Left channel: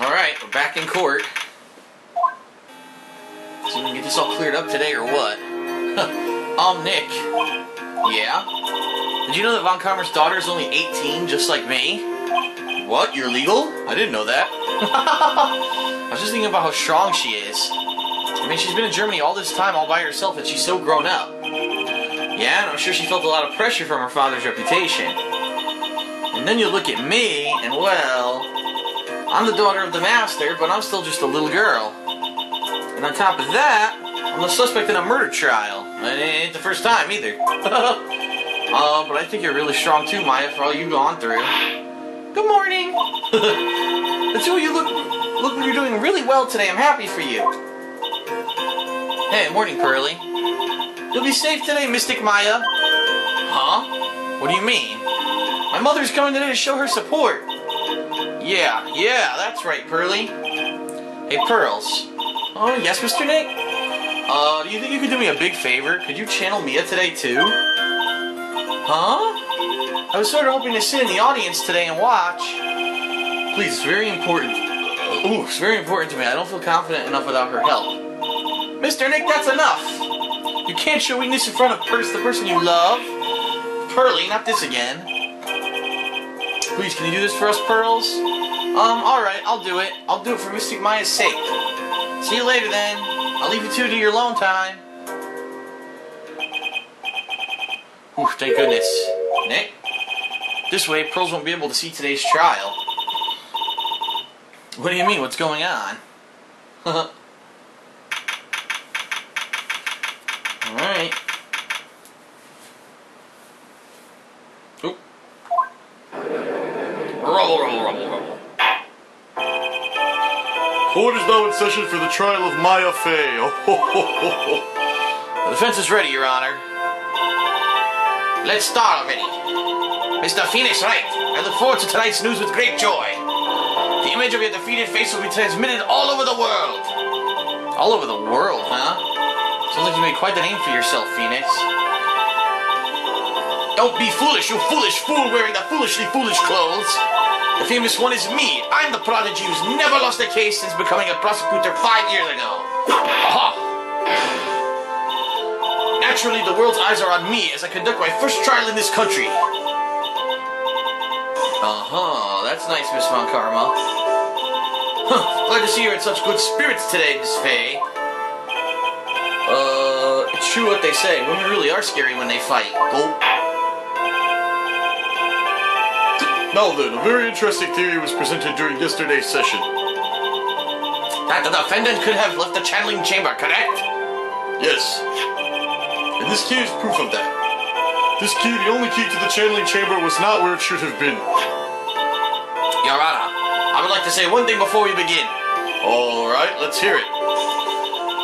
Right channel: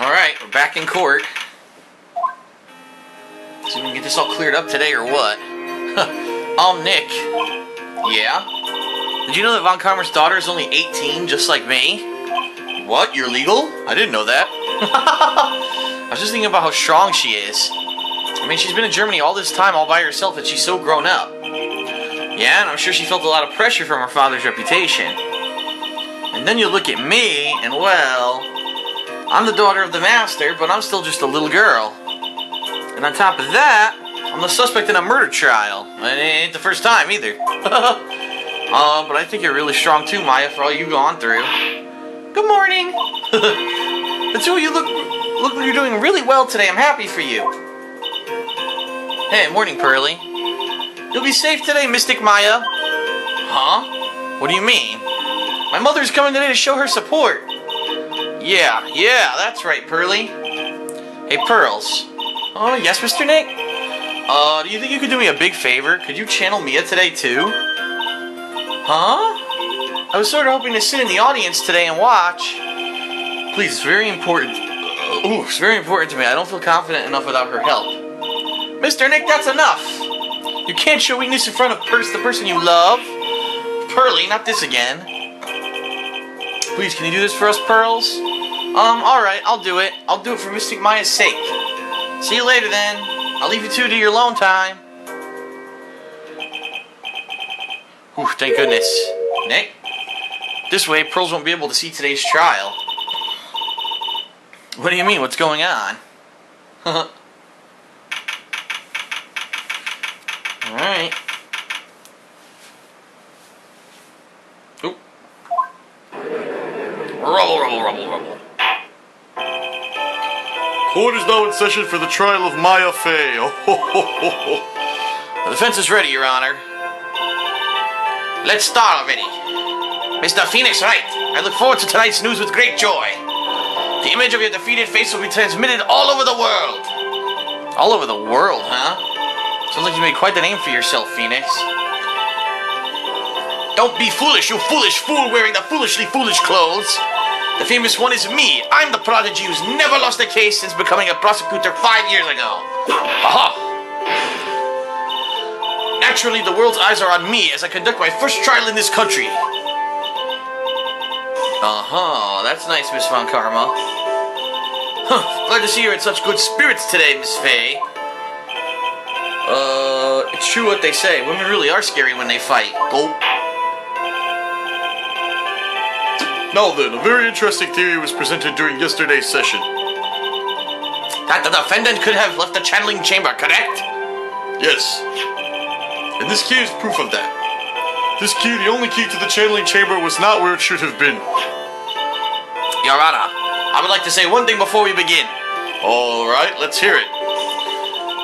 Alright, we're back in court. So we can get this all cleared up today or what? Nick. Yeah? Did you know that Von Karma's daughter is only 18, just like me? What? You're legal? I didn't know that. I was just thinking about how strong she is. I mean, she's been in Germany all this time all by herself and she's so grown up. Yeah, and I'm sure she felt a lot of pressure from her father's reputation. And then you look at me, and well, I'm the daughter of the master, but I'm still just a little girl. And on top of that, I'm the suspect in a murder trial. And it ain't the first time either. But I think you're really strong too, Maya, for all you've gone through. Good morning. That's who you look like you're doing really well today. I'm happy for you. Hey, morning, Pearly. You'll be safe today, Mystic Maya. Huh? What do you mean? My mother's coming today to show her support. Yeah, that's right, Pearly. Hey, Pearls. Oh, yes, Mr. Nick? Do you think you could do me a big favor? Could you channel Mia today, too? Huh? I was sort of hoping to sit in the audience today and watch. Please, it's very important. It's very important to me. I don't feel confident enough without her help. Mr. Nick, that's enough. You can't show weakness in front of the person you love. Pearly, not this again. Please, can you do this for us, Pearls? Alright, I'll do it. I'll do it for Mystic Maya's sake. See you later, then. I'll leave you two to your alone time. Whew, thank goodness. Nick? This way, Pearls won't be able to see today's trial. What do you mean? What's going on? Alright. Oop. Rubble. Court is now in session for the trial of Maya Fey. The defense is ready, Your Honor. Let's start already. Mr. Phoenix Wright, I look forward to tonight's news with great joy. The image of your defeated face will be transmitted all over the world. All over the world, huh? Sounds like you made quite the name for yourself, Phoenix. Don't be foolish, you foolish fool wearing the foolishly foolish clothes. The famous one is me. I'm the prodigy who's never lost a case since becoming a prosecutor 5 years ago. Aha! Naturally, the world's eyes are on me as I conduct my first trial in this country. That's nice, Miss Von Karma. Glad to see you're in such good spirits today, Miss Fey. It's true what they say. Women really are scary when they fight. Go. Now then, a very interesting theory was presented during yesterday's session. That the defendant could have left the channeling chamber, correct? Yes. And this key is proof of that. This key, the only key to the channeling chamber, was not where it should have been. Your Honor, I would like to say one thing before we begin. Alright, let's hear it.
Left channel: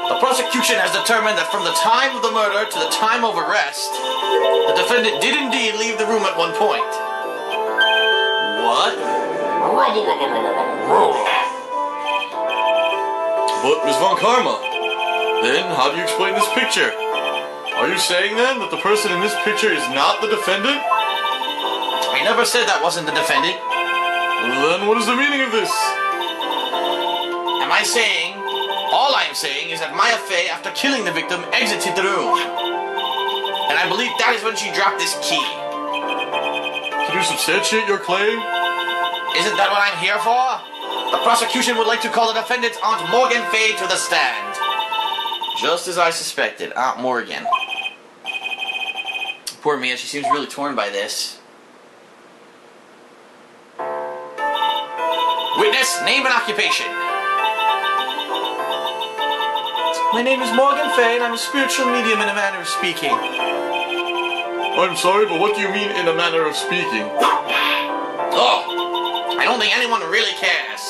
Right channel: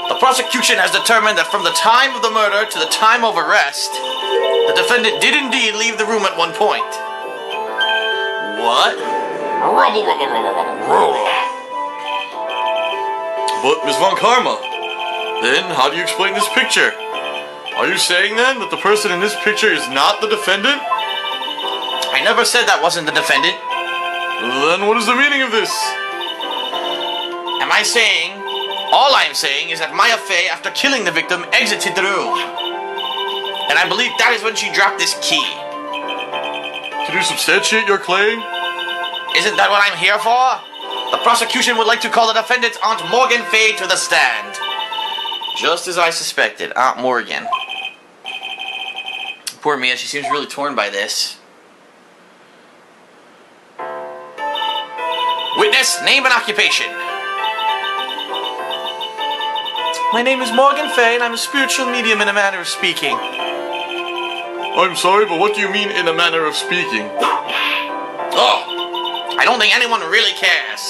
The prosecution has determined that from the time of the murder to the time of arrest, the defendant did indeed leave the room at one point. What? But, Ms. Von Karma, then how do you explain this picture? Are you saying then that the person in this picture is not the defendant? I never said that wasn't the defendant. Then what is the meaning of this? All I'm saying is that Maya Fey, after killing the victim, exited the room. And I believe that is when she dropped this key. Can you substantiate your claim? Isn't that what I'm here for? The prosecution would like to call the defendant's Aunt Morgan Fey to the stand. Just as I suspected, Aunt Morgan. Poor Mia, she seems really torn by this. Witness, name and occupation. My name is Morgan Fey, and I'm a spiritual medium in a manner of speaking. I'm sorry, but what do you mean in a manner of speaking? Oh, I don't think anyone really cares.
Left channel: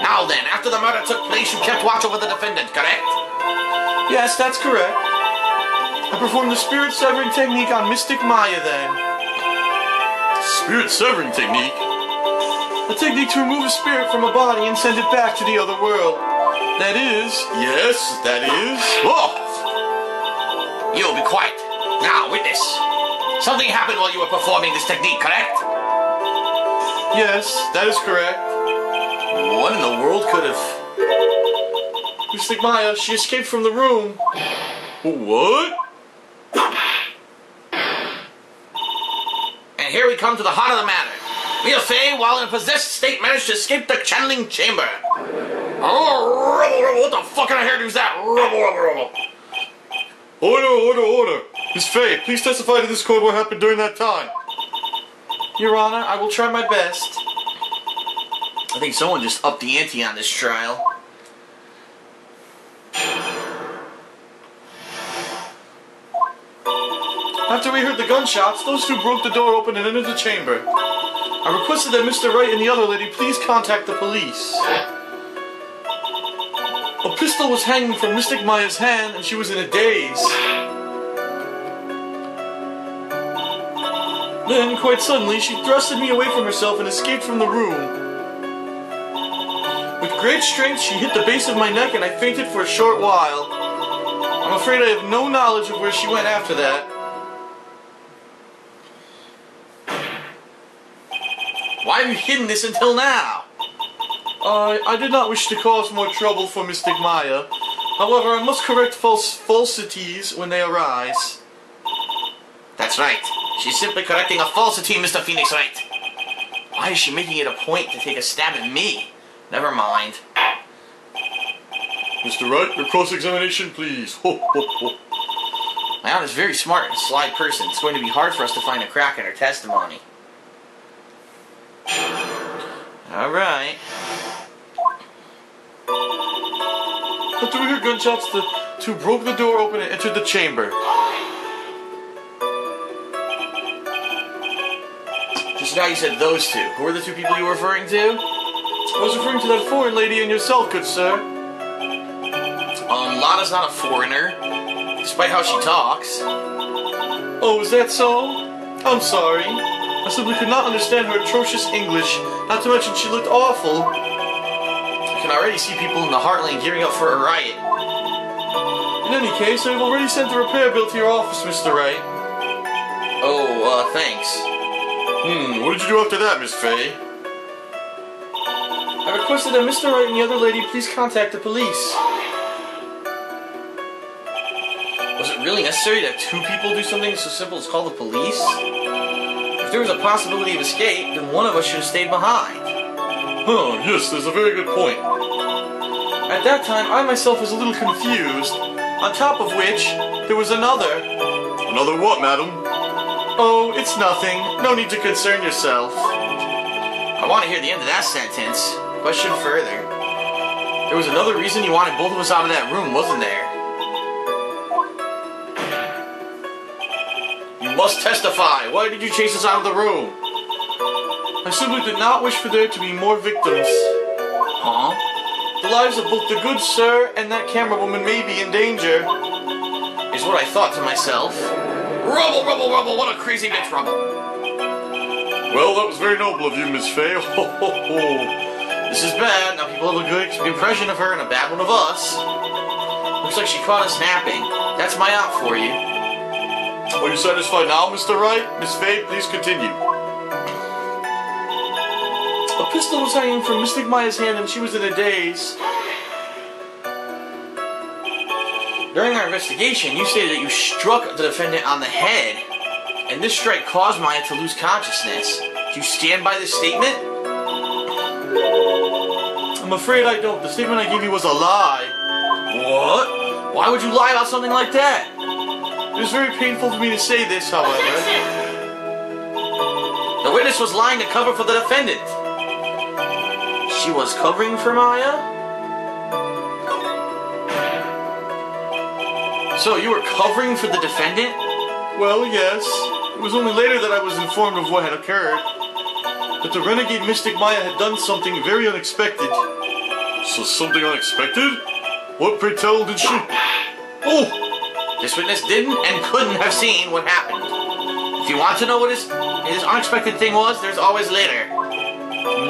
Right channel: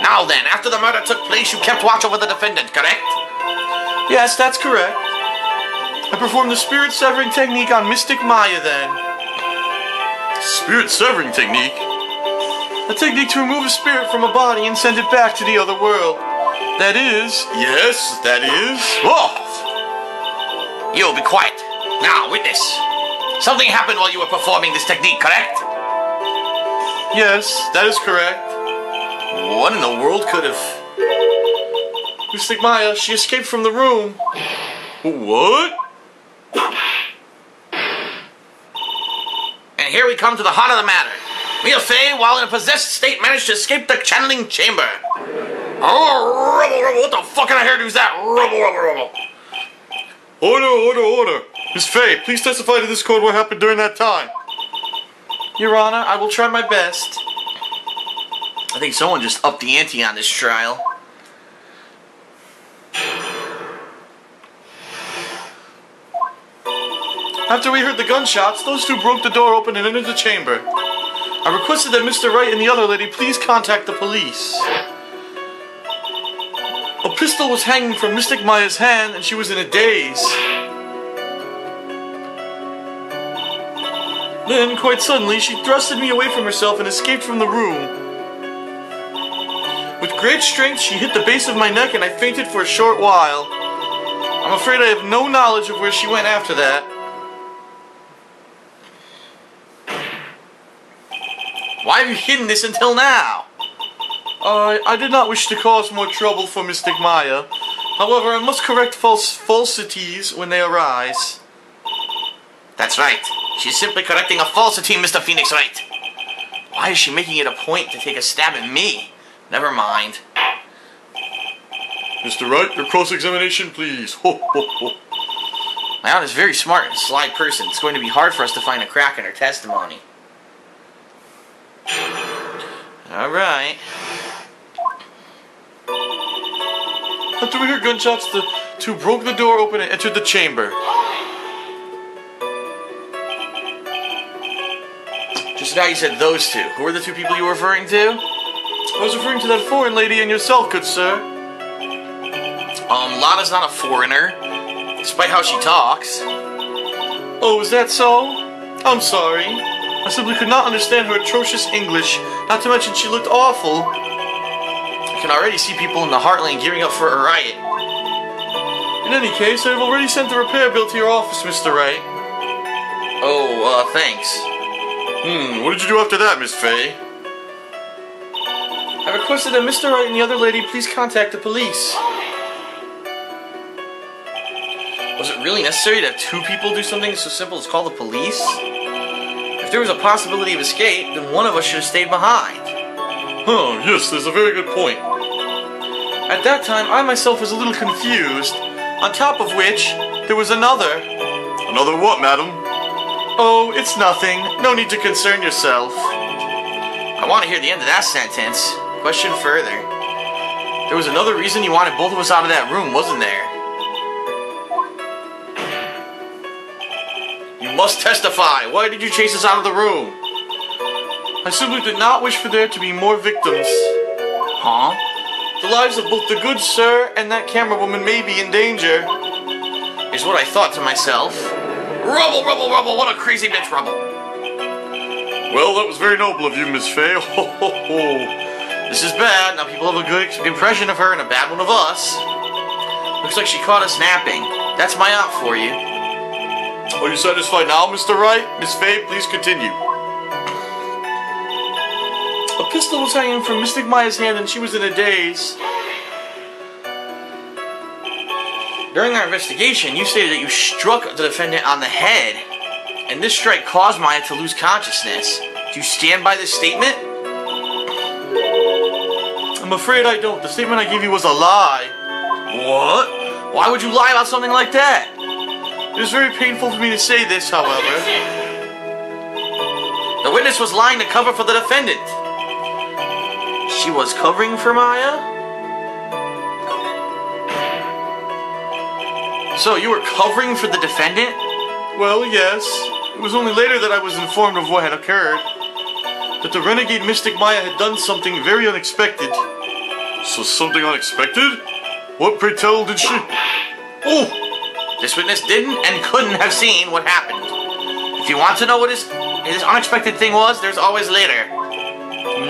Now then, after the murder took place, you kept watch over the defendant, correct? Yes, that's correct. I performed the spirit severing technique on Mystic Maya then. Spirit severing technique? A technique to remove a spirit from a body and send it back to the other world. That is... Yes, that is... Oh! You'll be quiet. Now, witness. Something happened while you were performing this technique, correct? Yes, that is correct. What in the world could have... Mystic Maya, she escaped from the room. What? And here we come to the heart of the matter. Mia Fey, while in a possessed state, managed to escape the channeling chamber. Oh, rubble, rubble, what the fuck kind of hairdo is that? Rubble, rubble, rubble. Order, order, order. Miss Fey, please testify to this court what happened during that time. Your Honor, I will try my best. I think someone just upped the ante on this trial. After we heard the gunshots, those two broke the door open and entered the chamber. I requested that Mr. Wright and the other lady please contact the police. A pistol was hanging from Mystic Maya's hand and she was in a daze. Then, quite suddenly, she thrusted me away from herself and escaped from the room. With great strength, she hit the base of my neck and I fainted for a short while. I'm afraid I have no knowledge of where she went after that. Why have you hidden this until now? I did not wish to cause more trouble for Mystic Maya. However, I must correct falsities when they arise. That's right. She's simply correcting a falsity, Mr. Phoenix Wright. Why is she making it a point to take a stab at me? Never mind. Mr. Wright, your cross-examination, please. Ho, ho, ho. My aunt is a very smart and sly person. It's going to be hard for us to find a crack in her testimony. Alright. After we heard gunshots, the two broke the door open and entered the chamber. Just now you said those two. Who are the two people you were referring to? I was referring to that foreign lady and yourself, good sir. Lana's not a foreigner, despite how she talks. Oh, is that so? I'm sorry. I simply could not understand her atrocious English, not to mention she looked awful. I can already see people in the Heartland gearing up for a riot. In any case, I've already sent the repair bill to your office, Mr. Wright. Oh, thanks. What did you do after that, Miss Fey? I requested that Mr. Wright and the other lady please contact the police. Was it really necessary that two people do something so simple as call the police? If there was a possibility of escape, then one of us should have stayed behind. Oh, yes, there's a very good point. At that time, I myself was a little confused. On top of which, there was another. Another what, madam? Oh, it's nothing. No need to concern yourself. I want to hear the end of that sentence. Question further. There was another reason you wanted both of us out of that room, wasn't there? You must testify. Why did you chase us out of the room? I simply did not wish for there to be more victims. Huh? The lives of both the good sir and that camera woman may be in danger. Is what I thought to myself. Rubble, rubble, rubble, what a crazy bitch rubble. Well, that was very noble of you, Miss Fey. Ho, ho, ho. This is bad. Now people have a good impression of her and a bad one of us. Looks like she caught us napping. That's my out for you. Are you satisfied now, Mr. Wright? Miss Fey, please continue. A pistol was hanging from Mystic Maya's hand and she was in a daze. During our investigation, you stated that you struck the defendant on the head, and this strike caused Maya to lose consciousness. Do you stand by this statement? I'm afraid I don't. The statement I gave you was a lie. What? Why would you lie about something like that? It is very painful for me to say this, however. The witness was lying to cover for the defendant. She was covering for Maya? So you were covering for the defendant? Well, yes. It was only later that I was informed of what had occurred. That the renegade Mystic Maya had done something very unexpected. So something unexpected? What, pray tell, did she... Oh! This witness didn't and couldn't have seen what happened. If you want to know what his unexpected thing was, there's always later.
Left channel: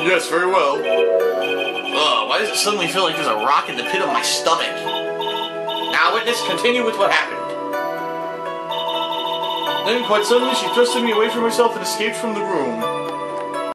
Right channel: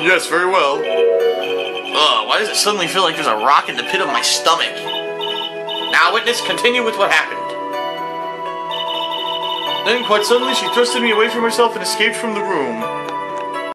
Yes, very well. Ugh, why does it suddenly feel like there's a rock in the pit of my stomach? Now, witness, continue with what happened. Then, quite suddenly, she thrusted me away from herself and escaped from the room.